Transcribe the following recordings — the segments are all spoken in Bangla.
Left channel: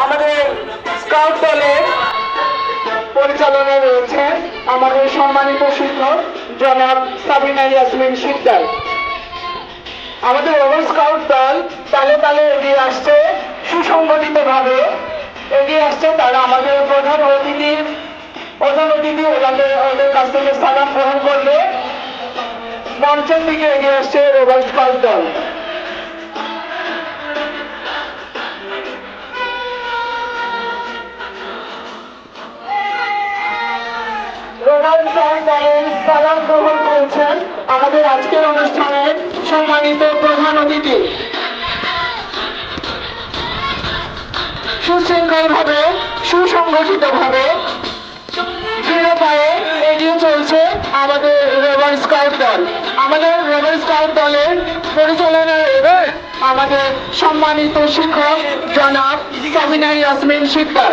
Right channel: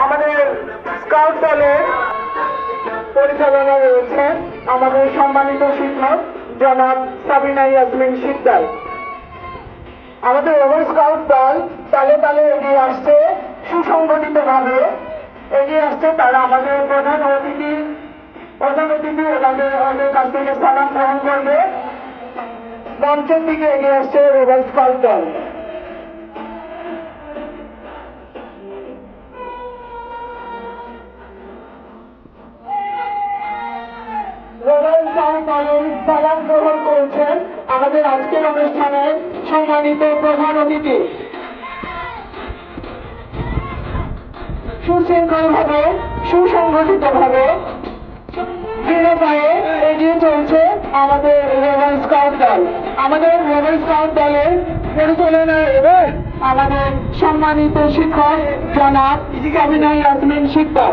আমাদের স্কাউট দলের পরিচালনা রয়েছে আমাদের সম্মানিত শিক্ষক জনাব সাবিনা ইয়াসমিন শিকদার। আমাদের রোভার স্কাউট দল তালে তালে এগিয়ে আসছে, সুসংগঠিত ভাবে এগিয়ে আসছে। তারা আমাদের প্রধান অতিথি ওনাদের কাছ থেকে সালাম গ্রহণ করবে। মঞ্চের দিকে এগিয়ে আসছে রোভার স্কাউট দল। সালাম গ্রহণ করেছেন আমাদের আজকের অনুষ্ঠানের সম্মানিত প্রধান অতিথি। সুশৃঙ্খল ভাবে সুসংগঠিত ভাবে এগিয়ে চলছে আমাদের রোভার স্কাউট দল। আমাদের রোভার স্কাউট দলের পরিচালনায় আমাদের সম্মানিত শিক্ষক জনাব Sabina Yasmin Sikdar.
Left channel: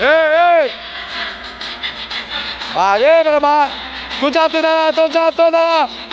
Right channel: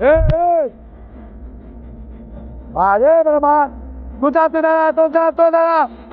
Hey! Ah, yeah, naman! Good job to the